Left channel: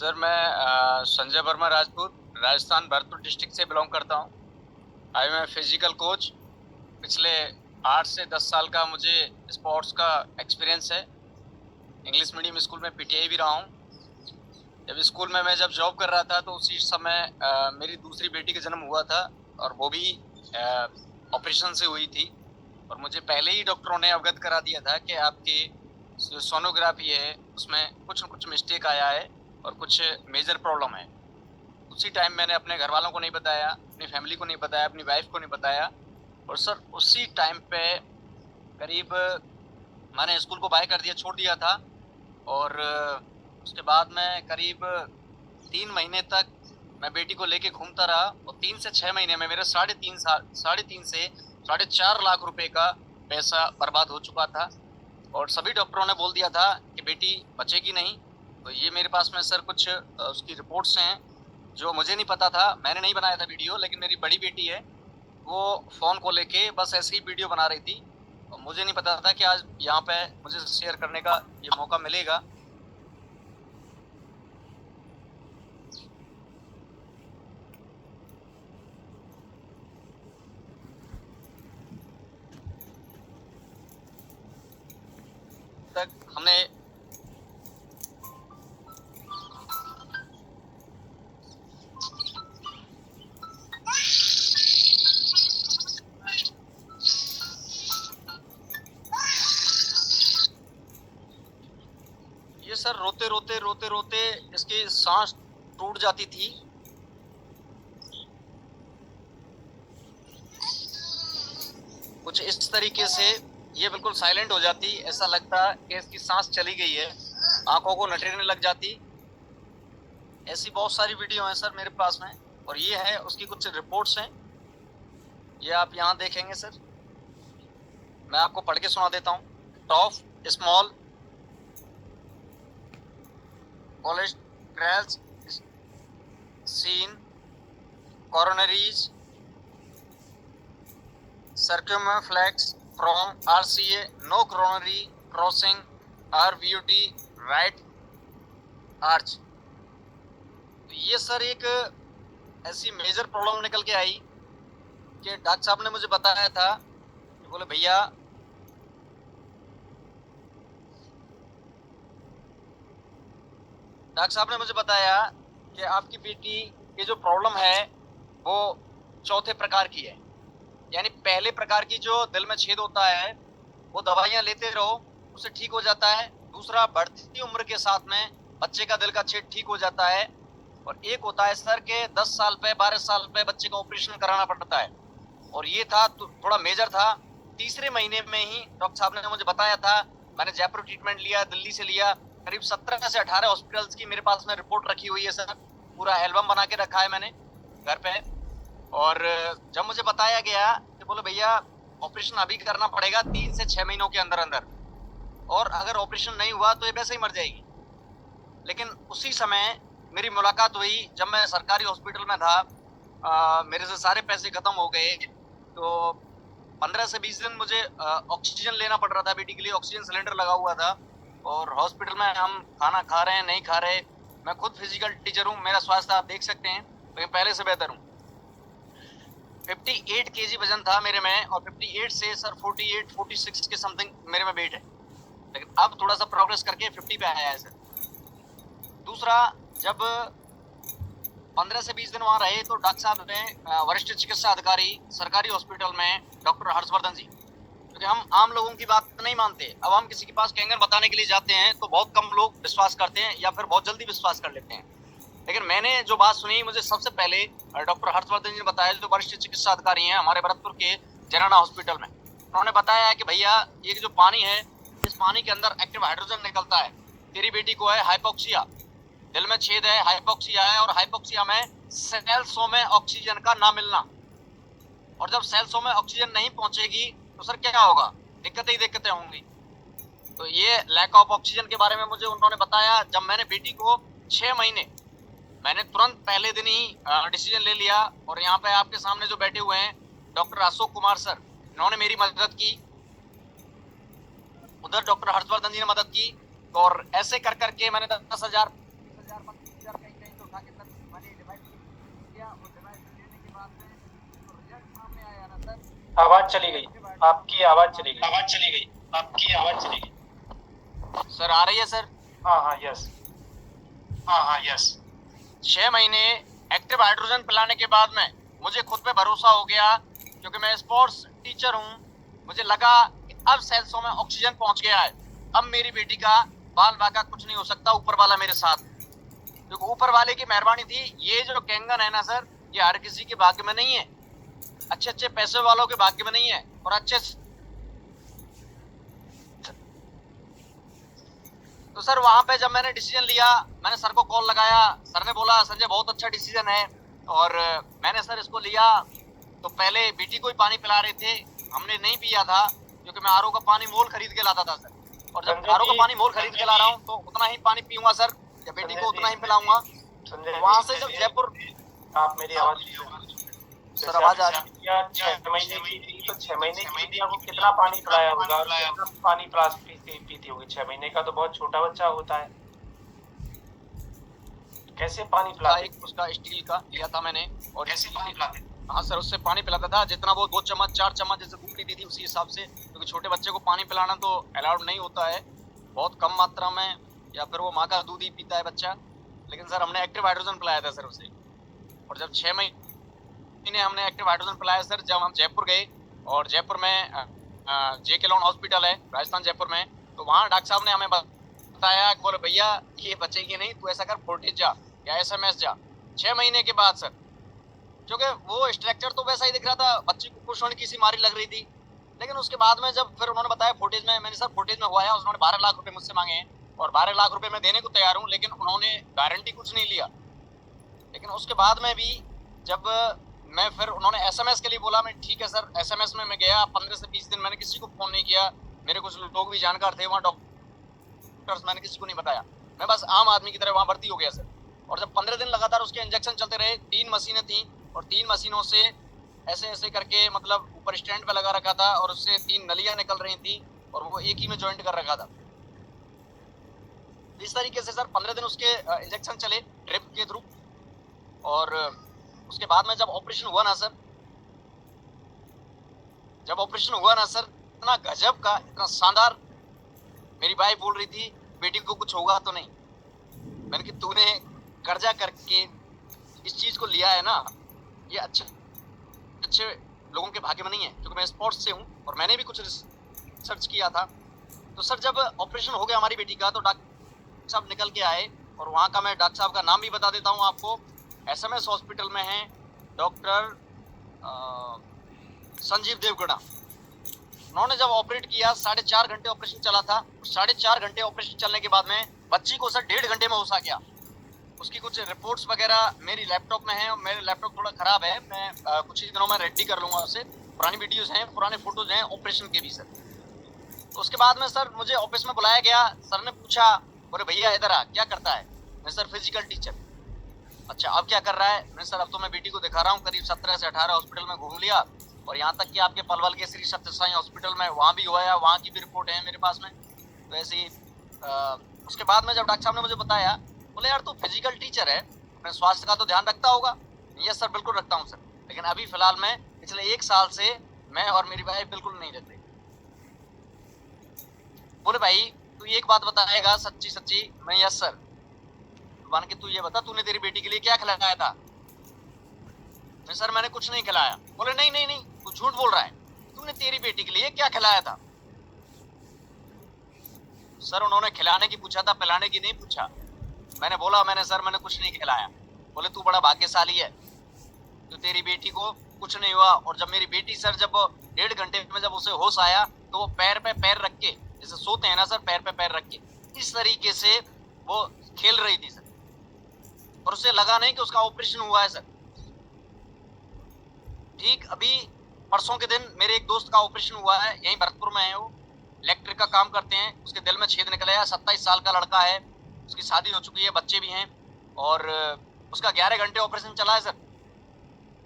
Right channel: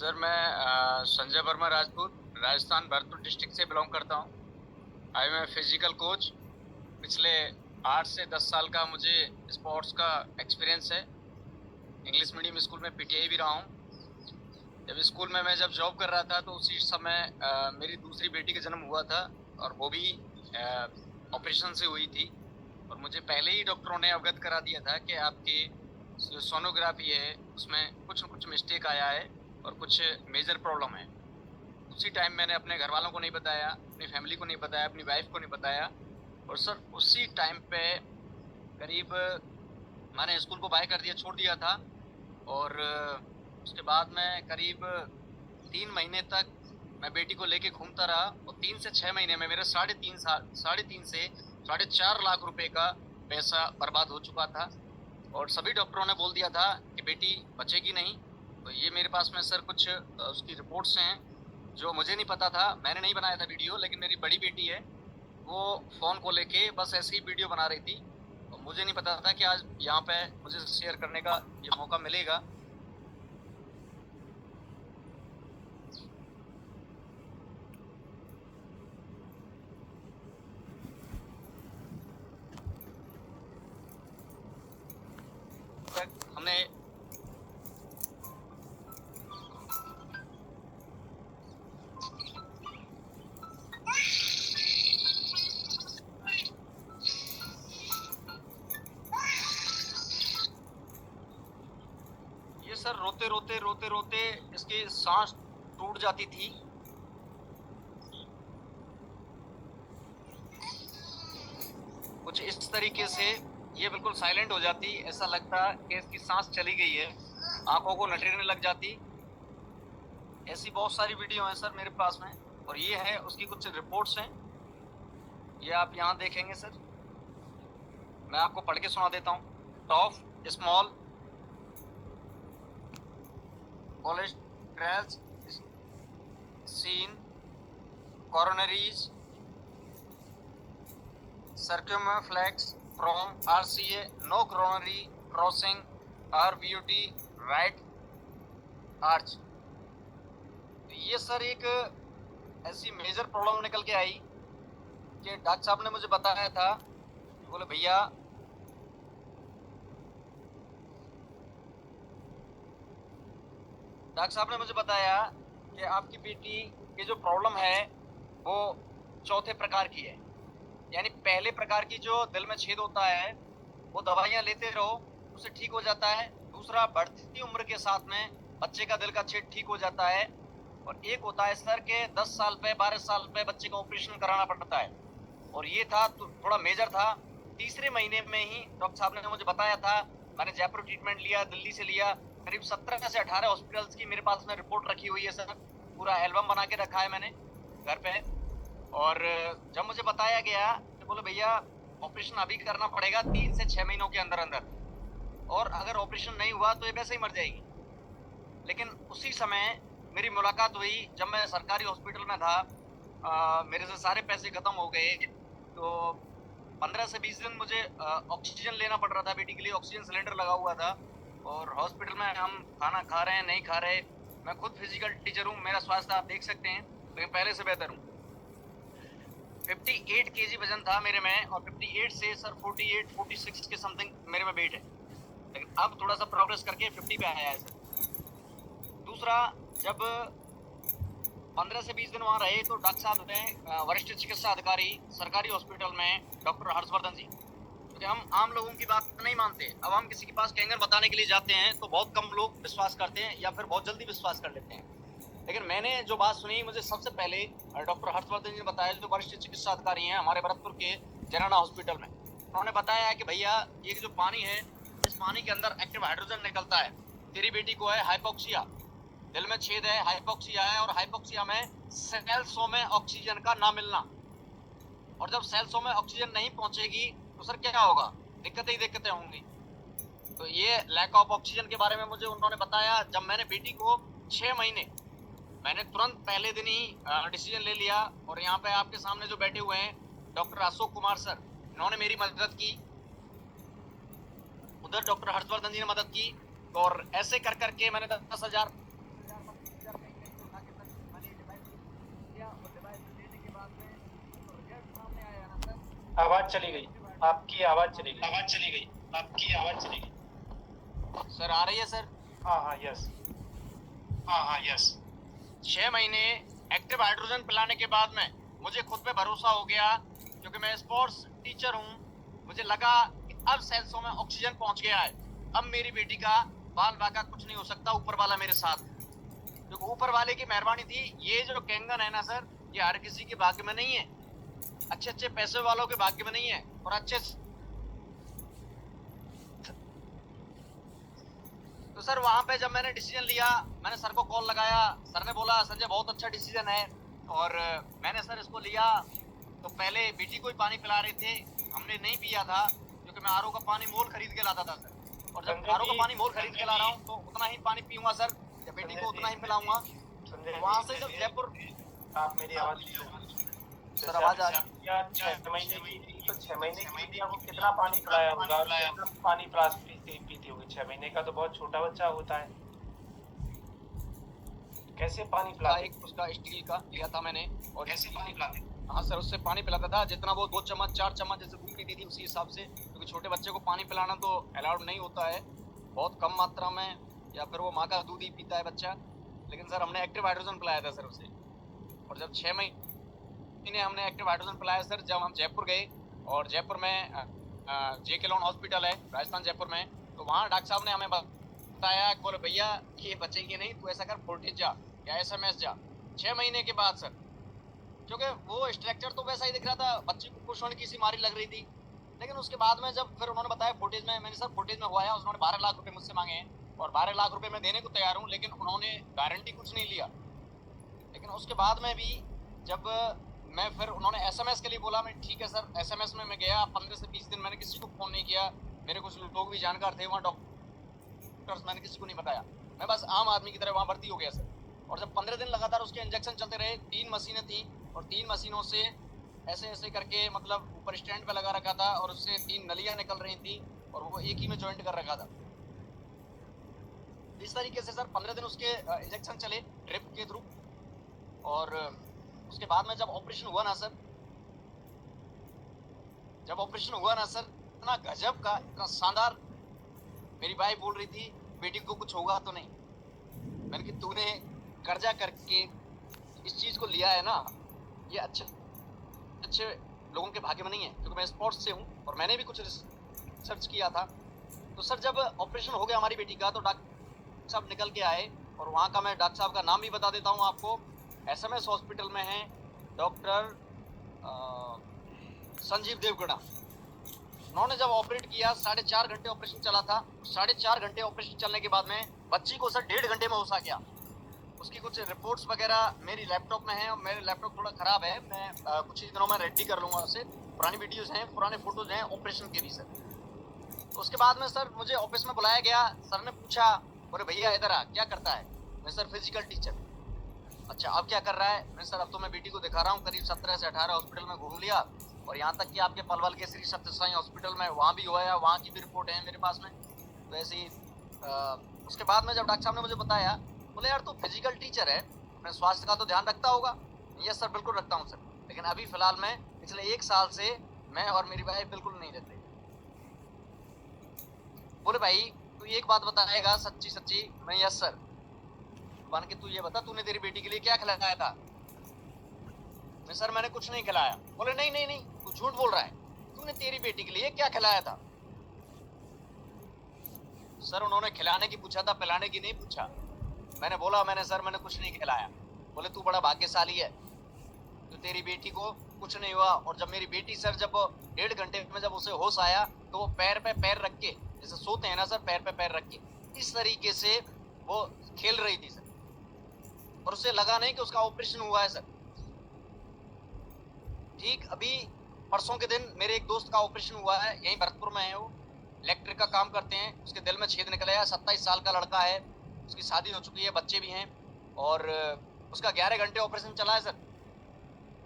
Sir मैं Sanjay Verma Rajput Rajasthan Bharatpur district से belong करता हूँ। I am physical coach. पिछले 8 से 10 साल का मुझे स्पोर्ट्स का एक्सपीरियंस है। इंग्लिश मीडियम स्कूल में पीटीआई भी रहा हूँ। जब स्कूल में मैं जब जॉब कर रहा था तो उसी समय मेरी दूसरी बेटी का जन्म हुआ था और वो भी ऑपरेशन से हुई थी। और मुझे पहले ही डॉक्टरों ने अवगत करा दिया था कि आपकी जो सोनोग्राफी है उसमें कुछ न कुछ मिस्टेक आया है और कुछ मेजर प्रॉब्लम है। उसी टाइम मैंने अपने घर वालों को नहीं बताया, अपनी फैमिली को नहीं बताया, अपनी वाइफ को नहीं बताया। और सर उसी टाइम पे करीब मैंने स्कूल को बाय कर दिया, छोड़ दिया था। और उसके बाद में करीब 3 महीने तक मैं बेटी को लेके घूमता रहा और 3 से 6 महीने में मेरे 3.5 से 4.5 लाख रुपए का पैसा बर्बाद हो चुका था। और सभी डॉक्टरों ने बोल दिया था कि बेटी बचेगी नहीं। तो ये मेरे पास में सर कुछ उसकी रिपोर्ट्स हैं जो मुझे नहीं पता था। मैंने नहीं बनाया था वीडियो, लेकिन मेरी बड़ी बेटी है, वो फोन को लेके बस ऐसे ही वीडियो बना रही थी और मुझे नहीं पता था कि आज यहाँ पे मुझे शेयर करने का ये मौका मिलेगा। तक हमने ये सर रोते रोते रोते रोते इसकी सांस टूट जाती थी। कुछ इस तरीके से ये बिल्कुल साइलेंट हो जाती, ऐसा लगता कि इसकी सांस चली गई है, आंखों को नटने लग जाती। ऐसी बहुत सारी वीडियो हैं सर मेरे पास में और ये है उसकी कुछ रिपोर्ट्स हैं, ये आप यहाँ देखेंगे सर। मैं आपको पढ़ के सुना देता हूँ। टॉफ small cholesterol seen coronaries circumflex from RCA, no coronary crossing RVUT right arch। ये सर एक ऐसी मेजर प्रॉब्लम निकल के आई कि डॉक्टर साहब ने मुझे बताया था, बोले भैया डॉक्टर साहब ने मुझे बताया कि आपकी बेटी की जो प्रॉब्लम है वो चौथे प्रकार की है। यानी पहले प्रकार की जो दिल में छेद होता है वो दवाइयां लेते रहो उससे ठीक हो जाता है। दूसरा, बढ़ती उम्र के साथ में बच्चे का दिल का छेद ठीक हो जाता है। और एक होता है सर के 10 साल पे 12 साल पे बच्चे का ऑपरेशन कराना पड़ता है। और ये था तो थोड़ा मेजर था। तीसरे महीने में ही डॉक्टर साहब ने मुझे बताया था। मैंने जयपुर ट्रीटमेंट लिया, दिल्ली से लिया, करीब 17 से 18 हॉस्पिटल्स की मेरे पास में रिपोर्ट रखी हुई है सर। पूरा एल्बम बना के रखा है मैंने घर पे। और जब मुझे बताया गया कि बोले भैया ऑपरेशन अभी करना पड़ेगा 3 से 6 महीनों के अंदर अंदर, और अगर ऑपरेशन नहीं हुआ तो ये वैसे ही मर जाएगी। लेकिन उसी समय मेरी मुलाकात हुई जब मैं सरकारी हॉस्पिटल में था। मेरे से सारे पैसे खत्म हो गए तो 15 से 20 दिन मुझे ऑक्सीजन लेना पड़ रहा था। बेटी के लिए ऑक्सीजन सिलेंडर लगा हुआ था और हॉस्पिटल में हम खाना खा रहे हैं नहीं खा रहे। मैं खुद फिजिकल टीचर हूँ, मेरा स्वास्थ्य आप देख सकते हैं, लेकिन पहले से बेहतर हूँ। 58 केजी वजन था मेरे में और 58 से सर 48 46 के समथिंग मेरे में वेट है। लेकिन अब थोड़ा सा प्रोग्रेस करके 50 पे आया है सर। दूसरा, जब 15 से 20 दिन वहां रहे तो डॉक्टर साहब ने वरिष्ठ चिकित्सा अधिकारी सरकारी हॉस्पिटल में डॉक्टर हर्षवर्धन जी, क्योंकि हम आम लोगों की बात नहीं मानते। अब हम किसी के पास कैंगर बताने के लिए जाते हैं तो बहुत कम लोग विश्वास करते हैं या फिर बहुत जल्दी विश्वास कर लेते हैं। लेकिन मैंने जो बात सुनी, मुझे सबसे पहले डॉक्टर हर्षवर्धन जी ने बताया, जो वरिष्ठ चिकित्सा अधिकारी हैं हमारे भरतपुर के जनाना हॉस्पिटल में। उन्होंने बताया कि भैया ये जो पानी है, इस पानी के अंदर एक्टिव हाइड्रोजन निकलता है। तेरी बेटी को है हाइपोक्सिया, दिल में छेद है, हाइपोक्सिया है। और हाइपोक्सिया में सेल्सों में ऑक्सीजन का ना मिलना, और जब सेल्सों में ऑक्सीजन नहीं पहुंचेगी तो सर क्या होगा, दिक्कतें ही दिक्कतें होंगी। तो ये लैक ऑफ ऑक्सीजन के बारे में मुझे उन्होंने बताया। जब मैंने बेटी को 6 महीने, मैंने तुरंत पहले दिन ही डिसीजन ले लिया। और यहाँ पे आपके सामने जो बैठे हुए हैं डॉक्टर अशोक कुमार सर, इन्होंने मेरी मदद की, उधर डॉक्टर हर्षवर्धन जी ने मदद की। और ऐसे कर करके मैंने 10,000 आवाज चली गई, आपकी आवाज चली गई। आवाज चली गई, आपकी आवाज चली गई। सर आ रही है सर? हाँ हाँ, यस। हाँ यस। 6 महीने एक्टिव हाइड्रोजन पिलाने के बाद में मुझे खुद पे भरोसा हो गया, क्योंकि मैं स्पोर्ट्स टीचर हूँ। मुझे लगा कि अब सेल्सों में ऑक्सीजन पहुंच गया है, अब मेरी बेटी का बाल बाका कुछ नहीं हो सकता, ऊपर वाला मेरे साथ। क्योंकि ऊपर वाले की मेहरबानी थी। ये जो कैंगन है ना सर, ये हर किसी के भाग्य में नहीं है, अच्छे अच्छे पैसे वालों के भाग्य में नहीं है। और अच्छे तो सर वहां पे जब मैंने डिसीजन लिया, मैंने सर को कॉल लगाया, सर ने बोला संजय बहुत अच्छा डिसीजन है। और मैंने सर इसको लिया। तो पहले बेटी को ही पानी पिला रहे थे, हमने नहीं पिया था, क्योंकि मैं आरओ का पानी मोल खरीद के लाता था सर। और जब आरओ का पानी मोल खरीद के ला रहा हूँ तो उतना ही पानी पीऊंगा सर, या बेटी को उतना ही पिलाऊंगा। वहां से जब जयपुर, आप मेरी आवाज सर आवाज आ रही है? 6 महीने की थी, तो 6 महीने की बेटी आपको कितना पानी पिलाया होगा, कितना पानी पीती होगी? 6 महीने का तो बहुत छोटा बच्चा होता है, कैसे पानी पिलाते? एक उसका स्टील का लिया था मैंने, और कैसे पानी पिलाते? हाँ सर, उससे पानी पिलाता था जितना वो 2 चम्मच 4 चम्मच जैसे दूध पीती थी उसी हिसाब से, क्योंकि छोटे बच्चे को पानी पिलाना तो अलाउड नहीं होता है, बहुत कम मात्रा में, या फिर वो माँ का दूध ही पीता है बच्चा। लेकिन सर हमने एक्टिव हाइड्रोजन पिलाया था सर उसे। और जब 6 महीने हमने एक्टिव हाइड्रोजन पिलाया सर, जब हम जयपुर गए, और जयपुर में JK लोन हॉस्पिटल है राजस्थान जयपुर में, तो वहाँ डॉक्टर साहब ने हमें बताया, बोले भैया ये बचेगी नहीं, तू ऐसा कर फोर्टिस जा या SMS जा। 6 महीने के बाद सर, क्योंकि वो स्ट्रक्चर तो वैसा ही दिख रहा था, बच्ची को खुश होने की सी मारी लग रही थी। लेकिन उसके बाद में जब फिर उन्होंने बताया फोर्टिस में, मैंने सर फोर्टिस में हुआ है, उन्होंने 12 लाख रुपए मुझसे मांगे हैं, और 12 लाख रुपए मैं देने को तैयार हूँ, लेकिन उन्होंने गारंटी कुछ नहीं लिया। लेकिन उसके बाद में भी जब मैं फिर उन्होंने SMS के लिए बोला, मैं ठीक है सर SMS में मैं गया, 15 से 20 दिन मैंने किसी को फोन नहीं किया, मेरे कुछ लोग भी जानकार थे वहाँ डॉक्टर्स, मैंने किसी को नहीं बताया, मैं बस आम आदमी की तरह वहाँ भर्ती हो गया सर। और जब 15 दिन लगातार उसके इंजेक्शन चलते रहे, 3 मशीनें थी, और 3 मशीनों से ऐसे ऐसे करके, मतलब ऊपर स्टैंड पे लगा रखा था, और उससे 3 नलियां निकल रही थी, और वो एक ही में ज्वाइंट कर रखा था। इस तरीके से सर 15 दिन उसके इंजेक्शन चले ड्रिप के थ्रू। और उसके बाद में जब ऑपरेशन हुआ ना सर, इतना गजब का, इतना शानदार, मेरी वाइफ बोल रही थी बेटी को कुछ होगा तो नहीं। मैंने कि तूने कर्जा करके इस चीज को लिया है ना, ये अच्छे अच्छे लोगों के भाग्य में नहीं है, क्योंकि मैं स्पोर्ट्स से हूँ और मैंने भी कुछ रिसर्च किया था। तो सर जब ऑपरेशन हो गया हमारी बेटी का, तो डॉक्टर साहब निकल के आए, और वहाँ का मैं डॉक्टर साहब का नाम भी बता देता हूँ आपको, SMS हॉस्पिटल में है डॉक्टर संजीव देवगढ़ा। उन्होंने जब ऑपरेट किया, 4.5 घंटे ऑपरेशन चला था। 4.5 घंटे ऑपरेशन चलने के बाद में बच्ची को सर 1.5 घंटे में होश आ गया। उसकी कुछ रिपोर्ट्स वगैरह मेरी लैपटॉप में है, मेरे लैपटॉप थोड़ा खराब है, मैं कुछ ही दिनों में रेडी कर लूंगा उसे। पुरानी वीडियोस हैं, पुराने फोटोज हैं ऑपरेशन के भी सर। तो उसके बाद में सर मुझे ऑफिस में बुलाया गया, सर ने पूछा, बोले भैया इधर आ, क्या करता है? मैं सर फिजिकल टीचर। अच्छा अब क्या कर रहा है? मैं सर अब तो मैं बेटी को दिखा रहा हूँ, करीब 17 से 18 हॉस्पिटल में घूम लिया, और यहाँ तक कि आपके पलवल के श्री सत्य साई हॉस्पिटल में वहाँ भी हुआ है, वहाँ की भी रिपोर्ट है मेरे पास में। तो ऐसे ही उसके बाद में जब डॉक्टर साहब ने मुझे बताया, बोले यार तू फिजिकल टीचर है, मैं स्वास्थ्य का तो ध्यान रखता होगा। यस सर बिल्कुल रखता हूँ सर, लेकिन अभी फिलहाल मैं पिछले 1 साल से मैं और मेरी वाइफ बिल्कुल नहीं रहते। बोले भाई तू एक बात बताएगा सच्ची सच्ची? मैं यस सर। मान के तू ये बता, तूने तेरी बेटी के लिए क्या खिलाया था? मैं सर मैंने कुछ नहीं खिलाया। बोले नहीं नहीं नहीं, तू झूठ बोल रहा है, तूने तेरी बेटी के लिए क्या खिलाया था? सर उन्होंने खिलाने की पूछा था, पिलाने की नहीं पूछा। मैंने बोला मैंने सर मैंने कुछ नहीं खिलाया। बोले तू बड़ा भाग्यशाली है, तो तेरी बेटी को कुछ नहीं हुआ। और जब मेरी बेटी सर जब 1.5 घंटे में जब उसे होश आया, तो वो पैर पे पैर रख के, जैसे सोते हैं ना सर, पैर पे पैर रख के इस तरीके से वो खेल रही थी सर, और उसे लगा नहीं कि उसका ऑपरेशन हुआ है सर। ठीक अभी परसों के दिन मेरे एक दोस्त का ऑपरेशन हुआ है, यहीं भरतपुर में है, वो इलेक्ट्रिक का काम करते हैं, उसके दिल में छेद निकला है, 27 साल का लड़का है, उसकी शादी हो चुकी है, बच्चे भी हैं, और उसका 11 घंटे ऑपरेशन चला है सर।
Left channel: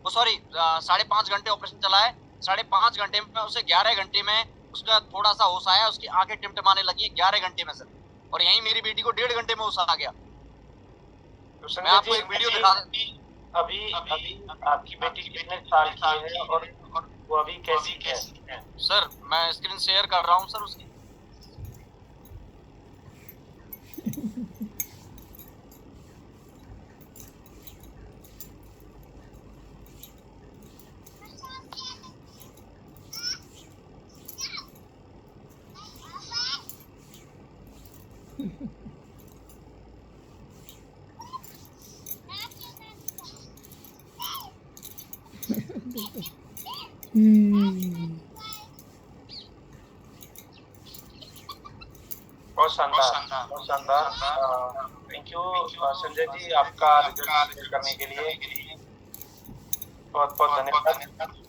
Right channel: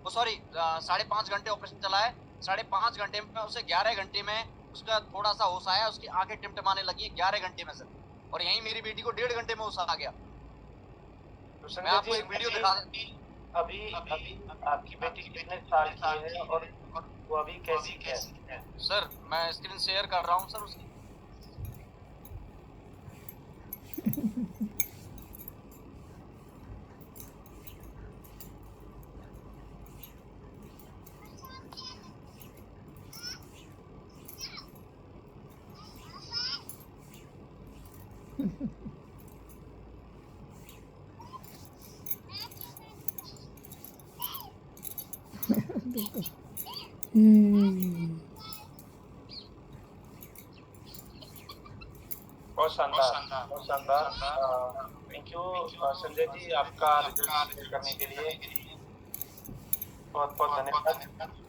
वो सॉरी 5.5 घंटे ऑपरेशन चला है। 5.5 घंटे में उसे 11 घंटे में उसका थोड़ा सा होश आया, उसकी आंखें टिमटिमाने लगी 11 घंटे में सर। और यहीं मेरी बेटी को 1.5 घंटे में होश आ गया। तो मैं आपको एक वीडियो दिखा, अभी अभी आपकी बेटी कितने साल की है, और वो अभी कैसी है? सर मैं स्क्रीन शेयर कर रहा हूँ सर उसकी। बहुत शानदार, बहुत शानदार। थैंक यू संजय जी, आपका रिजल्ट शेयर करने के लिए बहुत बहुत धन्यवाद।